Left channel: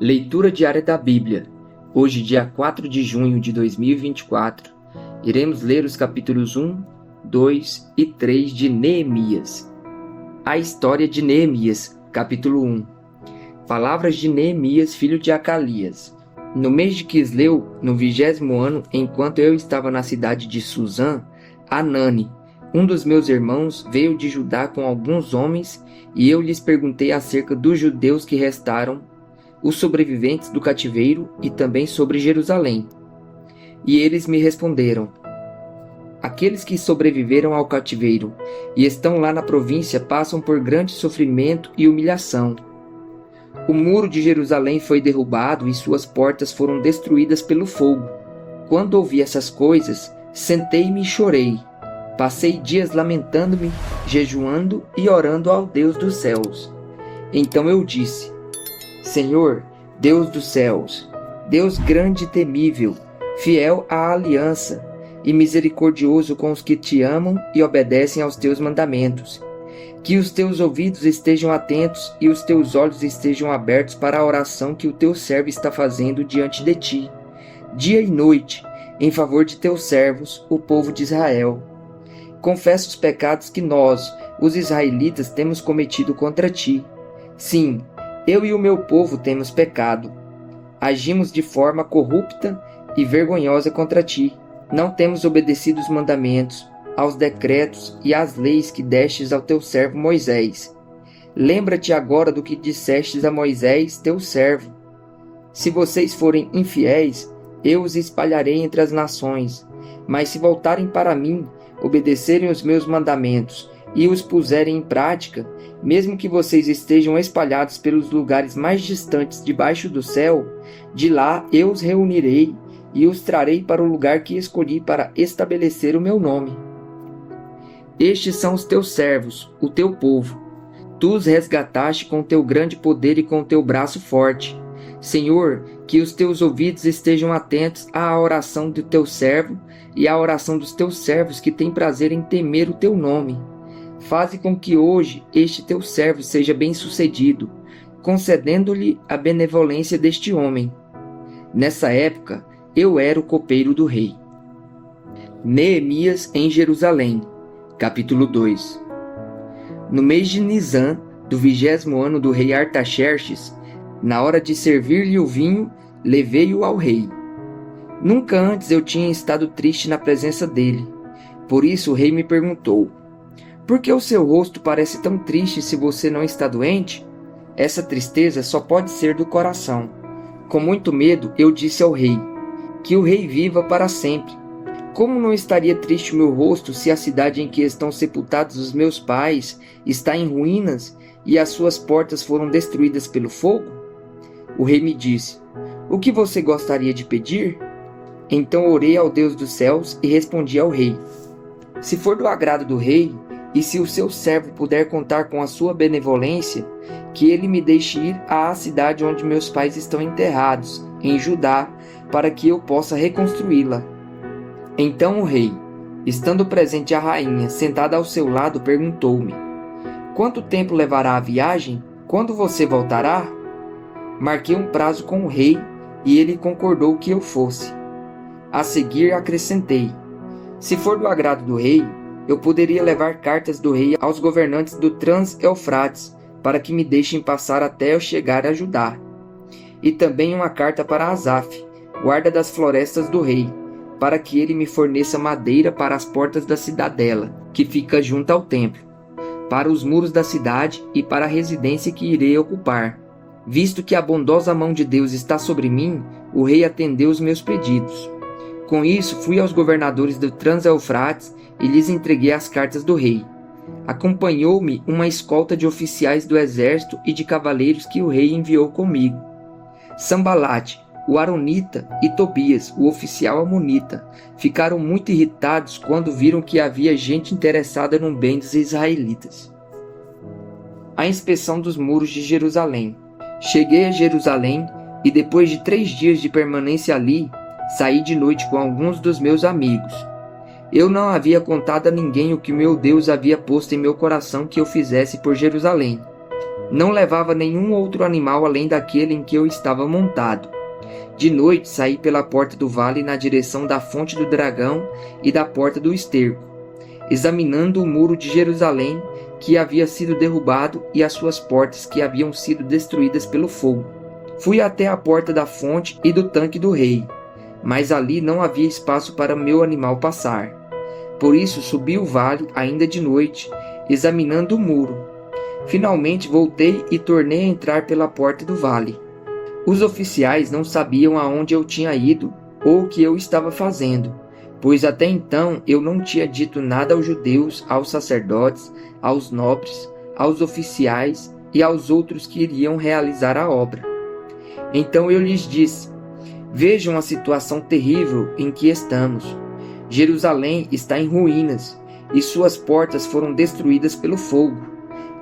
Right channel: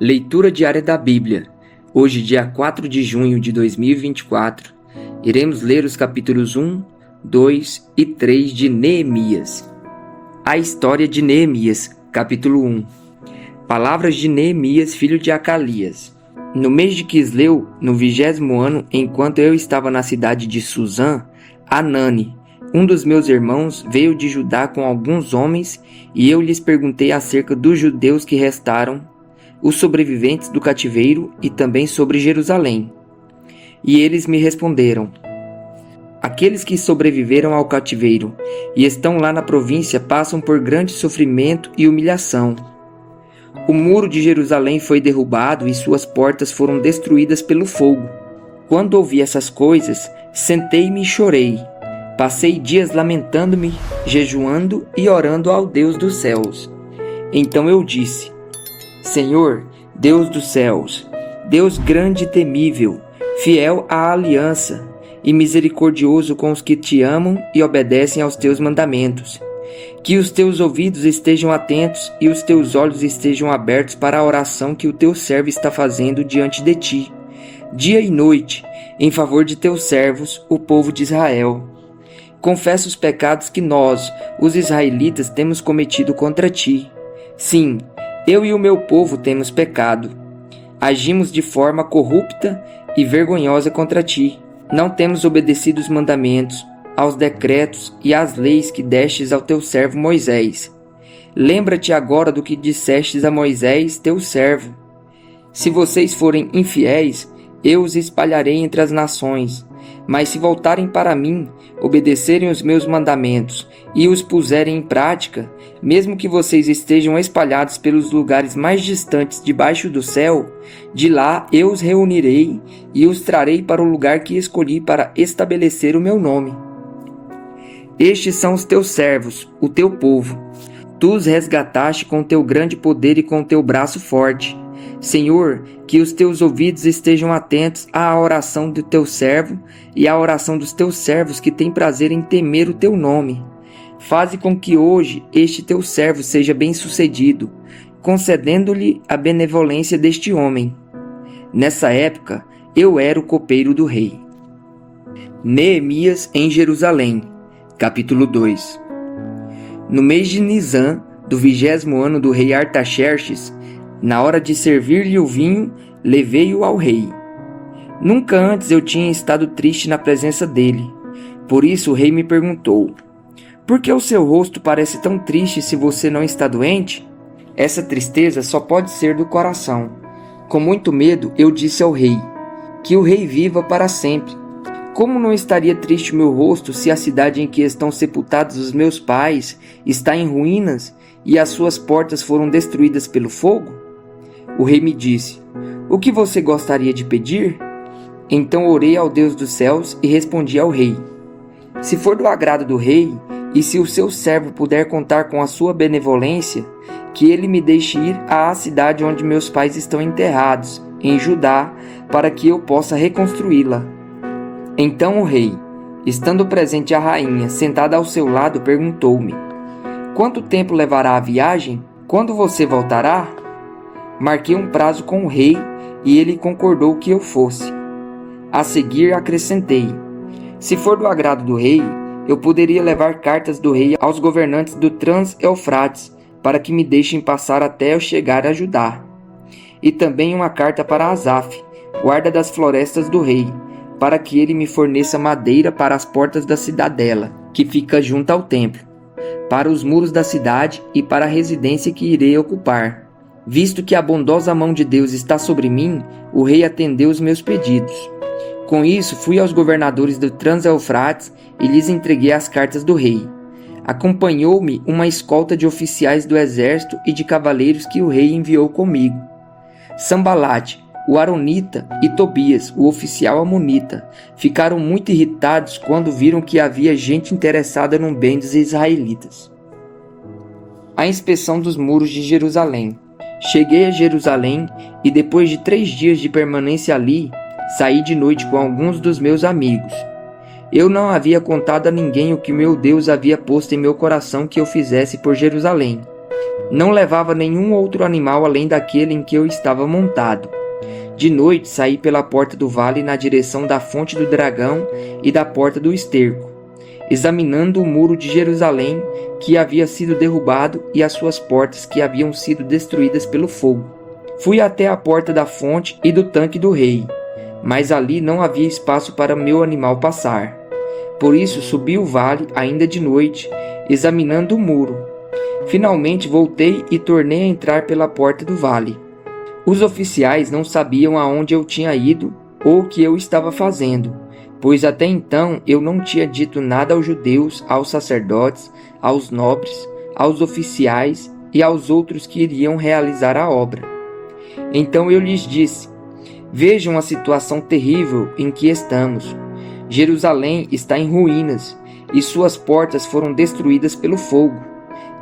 Leitura diária da Bíblia. Hoje, dia 4 de junho de 2024, iremos ler os capítulos 1, 2 e 3 de Neemias. A história de Neemias, capítulo 1. Palavras de Neemias, filho de Acalias. No mês de Quisleu, no 20º ano, enquanto eu estava na cidade de Suzã, Anani, um dos meus irmãos, veio de Judá com alguns homens, e eu lhes perguntei acerca dos judeus que restaram, os sobreviventes do cativeiro, e também sobre Jerusalém. E eles me responderam: aqueles que sobreviveram ao cativeiro e estão lá na província passam por grande sofrimento e humilhação. O muro de Jerusalém foi derrubado e suas portas foram destruídas pelo fogo. Quando ouvi essas coisas, sentei-me e chorei. Passei dias lamentando-me, jejuando e orando ao Deus dos céus. Então eu disse: Senhor, Deus dos céus, Deus grande e temível, fiel à aliança e misericordioso com os que te amam e obedecem aos teus mandamentos, que os teus ouvidos estejam atentos e os teus olhos estejam abertos para a oração que o teu servo está fazendo diante de ti, dia e noite, em favor de teus servos, o povo de Israel. Confessa os pecados que nós, os israelitas, temos cometido contra ti. Sim, eu e o meu povo temos pecado. Agimos de forma corrupta e vergonhosa contra ti. Não temos obedecido os mandamentos, aos decretos e às leis que destes ao teu servo Moisés. Lembra-te agora do que dissestes a Moisés, teu servo. Se vocês forem infiéis, eu os espalharei entre as nações. Mas se voltarem para mim, obedecerem os meus mandamentos e os puserem em prática, mesmo que vocês estejam espalhados pelos lugares mais distantes debaixo do céu, de lá eu os reunirei e os trarei para o lugar que escolhi para estabelecer o meu nome. Estes são os teus servos, o teu povo. Tu os resgataste com teu grande poder e com teu braço forte. Senhor, que os teus ouvidos estejam atentos à oração do teu servo e à oração dos teus servos que têm prazer em temer o teu nome. Faze com que hoje este teu servo seja bem-sucedido, concedendo-lhe a benevolência deste homem. Nessa época, eu era o copeiro do rei. Neemias em Jerusalém, capítulo 2. No mês de Nisã, do 20º ano do rei Artaxerxes, na hora de servir-lhe o vinho, levei-o ao rei. Nunca antes eu tinha estado triste na presença dele. Por isso o rei me perguntou: por que o seu rosto parece tão triste se você não está doente? Essa tristeza só pode ser do coração. Com muito medo, eu disse ao rei: que o rei viva para sempre. Como não estaria triste o meu rosto se a cidade em que estão sepultados os meus pais está em ruínas e as suas portas foram destruídas pelo fogo? O rei me disse: o que você gostaria de pedir? Então orei ao Deus dos céus e respondi ao rei: se for do agrado do rei, e se o seu servo puder contar com a sua benevolência, que ele me deixe ir à cidade onde meus pais estão enterrados, em Judá, para que eu possa reconstruí-la. Então o rei, estando presente a rainha, sentada ao seu lado, perguntou-me: quanto tempo levará a viagem? Quando você voltará? Marquei um prazo com o rei e ele concordou que eu fosse. A seguir acrescentei: se for do agrado do rei, eu poderia levar cartas do rei aos governantes do Trans-Eufrates para que me deixem passar até eu chegar a Judá. E também uma carta para Asaf, guarda das florestas do rei, para que ele me forneça madeira para as portas da cidadela, que fica junto ao templo, para os muros da cidade e para a residência que irei ocupar. Visto que a bondosa mão de Deus está sobre mim, o rei atendeu os meus pedidos. Com isso, fui aos governadores do Trans-Eufrates e lhes entreguei as cartas do rei. Acompanhou-me uma escolta de oficiais do exército e de cavaleiros que o rei enviou comigo. Sambalate, o Aronita, e Tobias, o oficial amonita, ficaram muito irritados quando viram que havia gente interessada no bem dos israelitas. A inspeção dos muros de Jerusalém. Cheguei a Jerusalém e depois de 3 dias de permanência ali, saí de noite com alguns dos meus amigos. Eu não havia contado a ninguém o que meu Deus havia posto em meu coração que eu fizesse por Jerusalém. Não levava nenhum outro animal além daquele em que eu estava montado. De noite saí pela porta do vale na direção da fonte do dragão e da porta do esterco, examinando o muro de Jerusalém que havia sido derrubado e as suas portas que haviam sido destruídas pelo fogo. Fui até a porta da fonte e do tanque do rei, mas ali não havia espaço para meu animal passar. Por isso subi o vale ainda de noite, examinando o muro. Finalmente voltei e tornei a entrar pela porta do vale. Os oficiais não sabiam aonde eu tinha ido ou o que eu estava fazendo, pois até então eu não tinha dito nada aos judeus, aos sacerdotes, aos nobres, aos oficiais e aos outros que iriam realizar a obra. Então eu lhes disse: vejam a situação terrível em que estamos. Jerusalém está em ruínas e suas portas foram destruídas pelo fogo.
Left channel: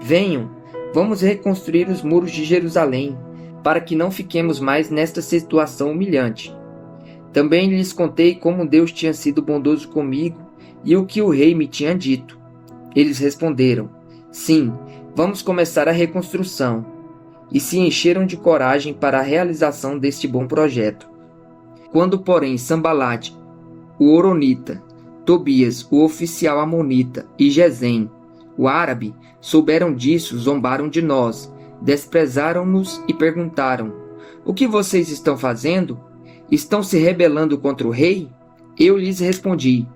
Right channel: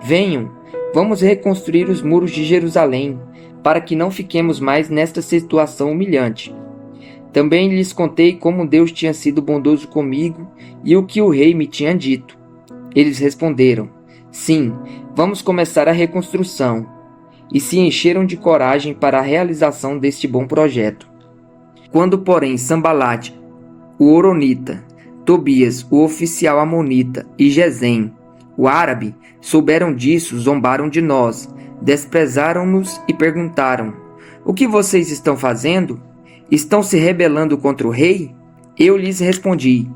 Venham, vamos reconstruir os muros de Jerusalém, para que não fiquemos mais nesta situação humilhante. Também lhes contei como Deus tinha sido bondoso comigo e o que o rei me tinha dito. Eles responderam: sim, vamos começar a reconstrução. E se encheram de coragem para a realização deste bom projeto. Quando, porém, Sambalate, o horonita, Tobias, o oficial amonita, e Gesem, o árabe, souberam disso, zombaram de nós, desprezaram-nos e perguntaram: o que vocês estão fazendo? Estão se rebelando contra o rei? Eu lhes respondi:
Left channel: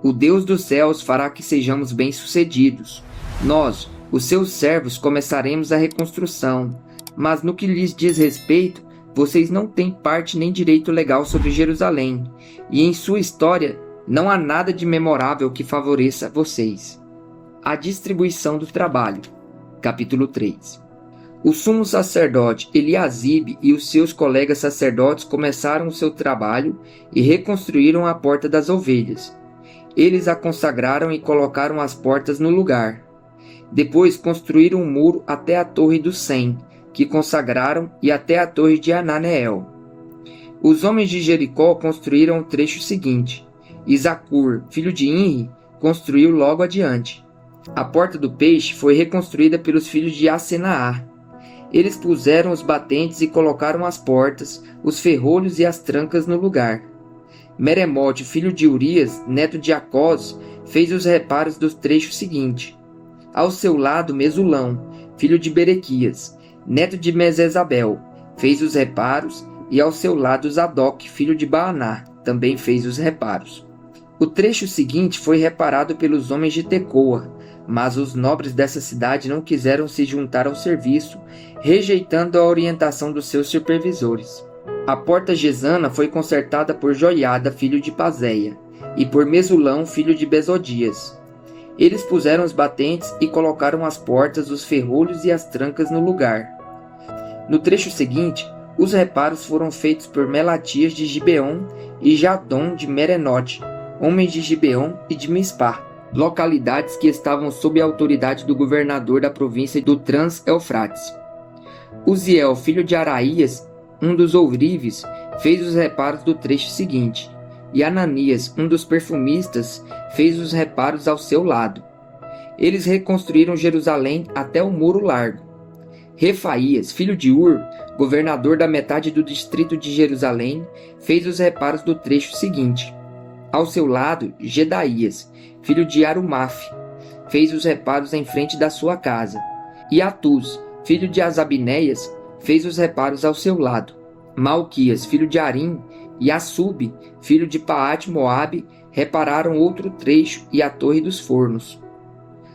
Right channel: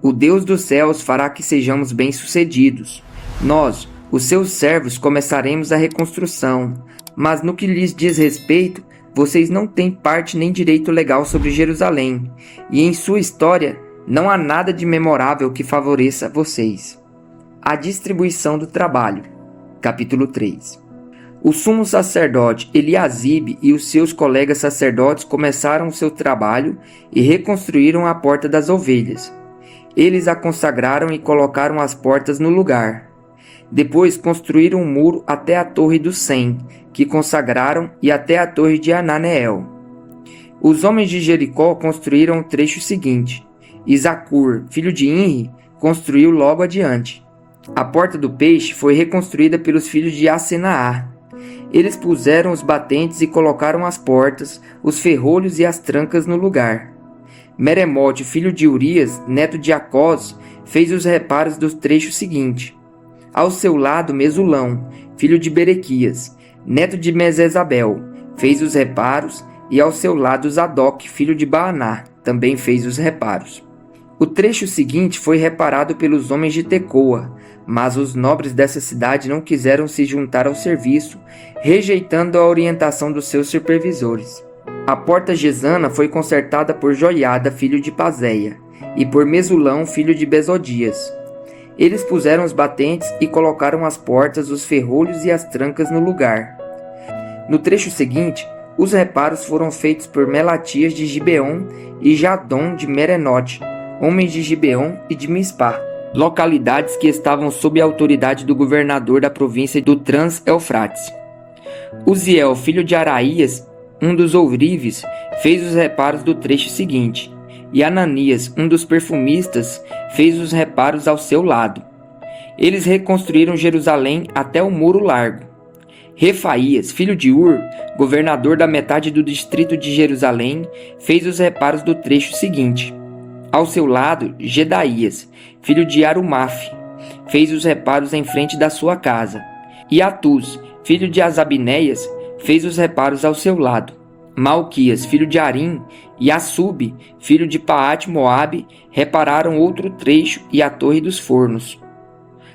o Deus dos céus fará que sejamos bem-sucedidos. Nós, os seus servos, começaremos a reconstrução, mas no que lhes diz respeito, vocês não têm parte nem direito legal sobre Jerusalém, e em sua história não há nada de memorável que favoreça vocês. A distribuição do trabalho. Capítulo 3. O sumo sacerdote Eliasibe e os seus colegas sacerdotes começaram o seu trabalho e reconstruíram a porta das ovelhas. Eles a consagraram e colocaram as portas no lugar. Depois construíram um muro até a torre do Sem, que consagraram, e até a torre de Ananeel. Os homens de Jericó construíram o trecho seguinte. Isaccur, filho de Inri, construiu logo adiante. A porta do peixe foi reconstruída pelos filhos de Asenaá. Eles puseram os batentes e colocaram as portas, os ferrolhos e as trancas no lugar. Meremote, filho de Urias, neto de Acós, fez os reparos do trecho seguinte. Ao seu lado, Mesulão, filho de Berequias, neto de Mesesabel, fez os reparos, e ao seu lado Zadok, filho de Baaná, também fez os reparos. O trecho seguinte foi reparado pelos homens de Tecoa, mas os nobres dessa cidade não quiseram se juntar ao serviço, rejeitando a orientação dos seus supervisores. A porta gesana foi consertada por Joiada, filho de Pazéia, e por Mesulão, filho de Besodias. Eles puseram os batentes e colocaram as portas, os ferrolhos e as trancas no lugar. No trecho seguinte, os reparos foram feitos por Melatias de Gibeon e Jadom de Merenote, homens de Gibeon e de Mispá, localidades que estavam sob a autoridade do governador da província do Trans-Eufrates. Uziel, filho de Araías, um dos ourives, fez os reparos do trecho seguinte, e Ananias, um dos perfumistas, fez os reparos ao seu lado. Eles reconstruíram Jerusalém até o Muro Largo. Refaías, filho de Ur, governador da metade do distrito de Jerusalém, fez os reparos do trecho seguinte. Ao seu lado, Gedaías, filho de Arumaf, fez os reparos em frente da sua casa. E Atuz, filho de Asabinéias, fez os reparos ao seu lado. Malquias, filho de Arim, e Assub, filho de Paate-Moabe, repararam outro trecho e a Torre dos Fornos.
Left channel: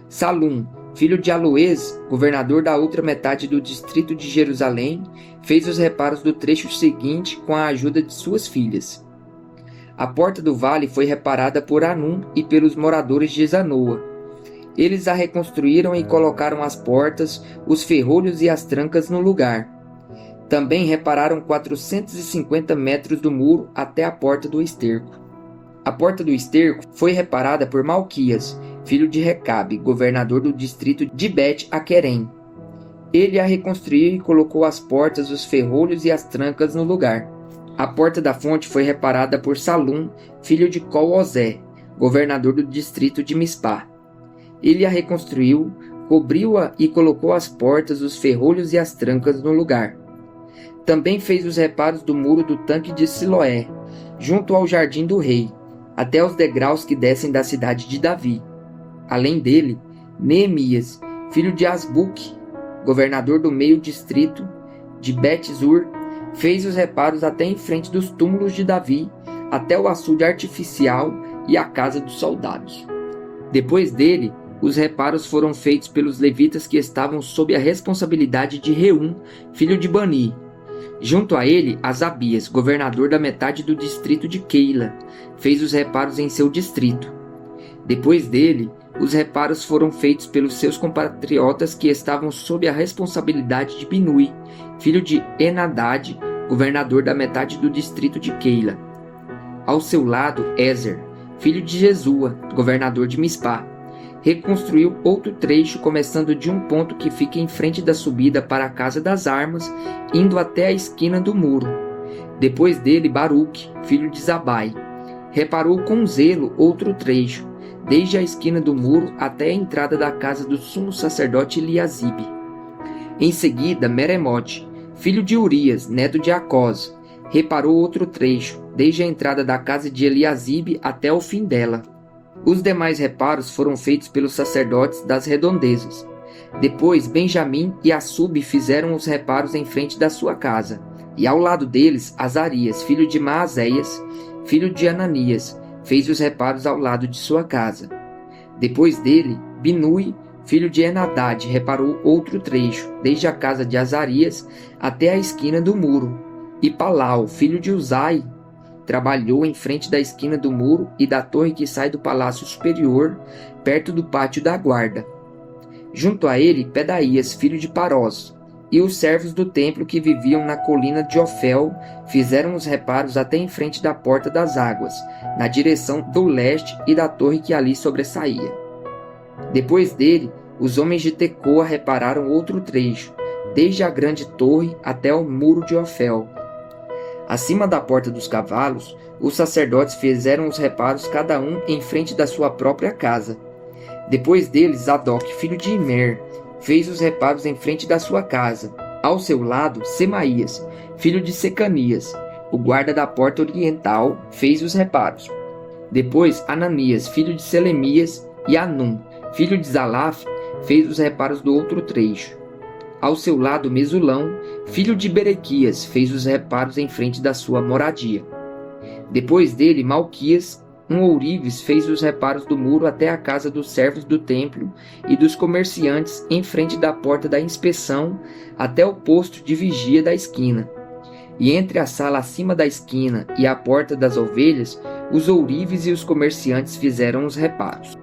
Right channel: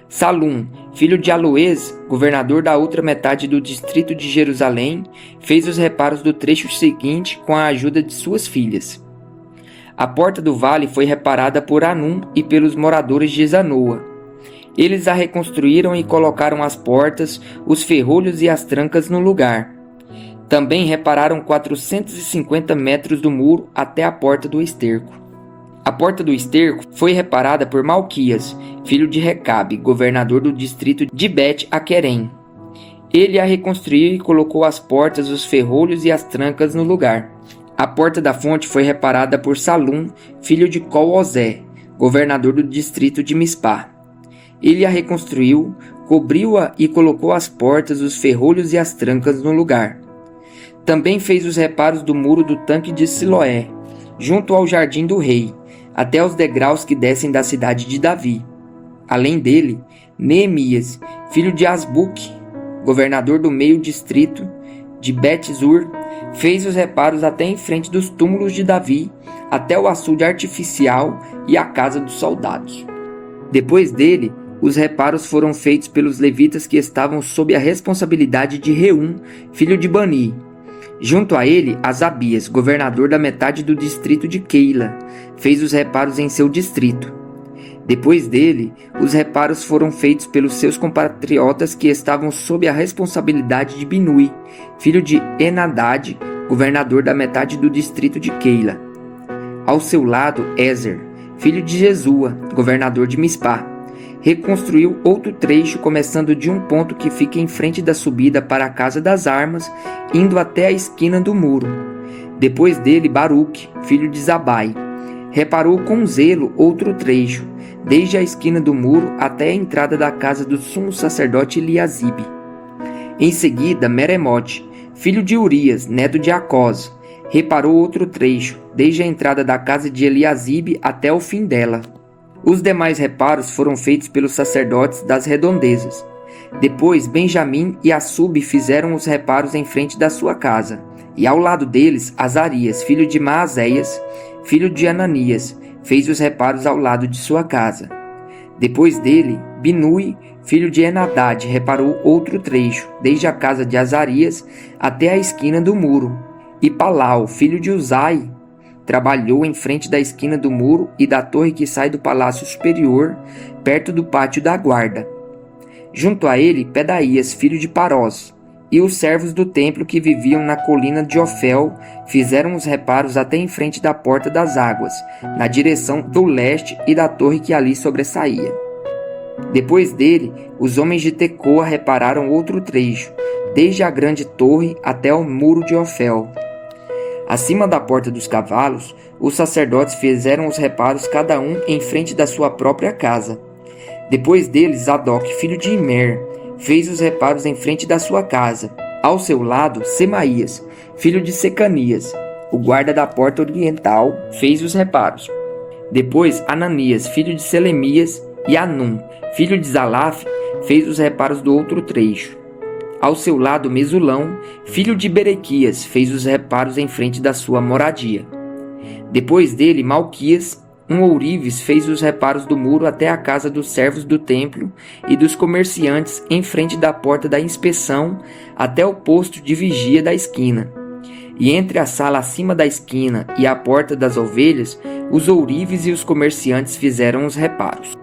Salum, filho de Aloez, governador da outra metade do distrito de Jerusalém, fez os reparos do trecho seguinte com a ajuda de suas filhas. A porta do vale foi reparada por Anum e pelos moradores de Zanoa. Eles a reconstruíram e colocaram as portas, os ferrolhos e as trancas no lugar. Também repararam 450 metros do muro até a porta do esterco. A porta do esterco foi reparada por Malquias, filho de Recabe, governador do distrito de Bet-Aquerem. Ele a reconstruiu e colocou as portas, os ferrolhos e as trancas no lugar. A porta da fonte foi reparada por Salum, filho de Col-Ozé, governador do distrito de Mispá. Ele a reconstruiu, cobriu-a e colocou as portas, os ferrolhos e as trancas no lugar. Também fez os reparos do muro do tanque de Siloé, junto ao jardim do rei, até os degraus que descem da cidade de Davi. Além dele, Neemias, filho de Asbuque, governador do meio distrito de Bet-Zur, fez os reparos até em frente dos túmulos de Davi, até o açude artificial e a casa dos soldados. Depois dele, os reparos foram feitos pelos levitas que estavam sob a responsabilidade de Reum, filho de Bani. Junto a ele, Asabias, governador da metade do distrito de Keila, fez os reparos em seu distrito. Depois dele, os reparos foram feitos pelos seus compatriotas que estavam sob a responsabilidade de Binui, filho de Enadad, governador da metade do distrito de Keila. Ao seu lado, Ezer, filho de Jesua, governador de Mispá, reconstruiu outro trecho começando de um ponto que fica em frente da subida para a Casa das Armas, indo até a esquina do muro. Depois dele, Baruque, filho de Zabai, reparou com zelo outro trecho, desde a esquina do muro até a entrada da casa do sumo sacerdote Eliasibe. Em seguida, Meremote, filho de Urias, neto de Acós, reparou outro trecho, desde a entrada da casa de Eliasibe até o fim dela. Os demais reparos foram feitos pelos sacerdotes das redondezas. Depois, Benjamim e Assub fizeram os reparos em frente da sua casa, e ao lado deles, Azarias, filho de Maazéias, filho de Ananias, fez os reparos ao lado de sua casa. Depois dele, Binui, filho de Enadad, reparou outro trecho, desde a casa de Azarias até a esquina do muro, e Palau, filho de Uzai, trabalhou em frente da esquina do muro e da torre que sai do palácio superior, perto do pátio da guarda. Junto a ele, Pedaías, filho de Parós, e os servos do templo que viviam na colina de Ofel fizeram os reparos até em frente da porta das águas, na direção do leste e da torre que ali sobressaía. Depois dele, os homens de Tecoa repararam outro trecho, desde a grande torre até o muro de Ofel. Acima da porta dos cavalos, os sacerdotes fizeram os reparos cada um em frente da sua própria casa. Depois deles, Zadok, filho de Imer, fez os reparos em frente da sua casa. Ao seu lado, Semaías, filho de Secanias, o guarda da porta oriental, fez os reparos. Depois, Ananias, filho de Selemias, e Anum, filho de Zalaf, fez os reparos do outro trecho. Ao seu lado, Mesulão, filho de Berequias, fez os reparos em frente da sua moradia. Depois dele, Malquias, um ourives, fez os reparos do muro até a casa dos servos do templo e dos comerciantes em frente da porta da inspeção até o posto de vigia da esquina. E entre a sala acima da esquina e a porta das ovelhas, os ourives e os comerciantes fizeram os reparos.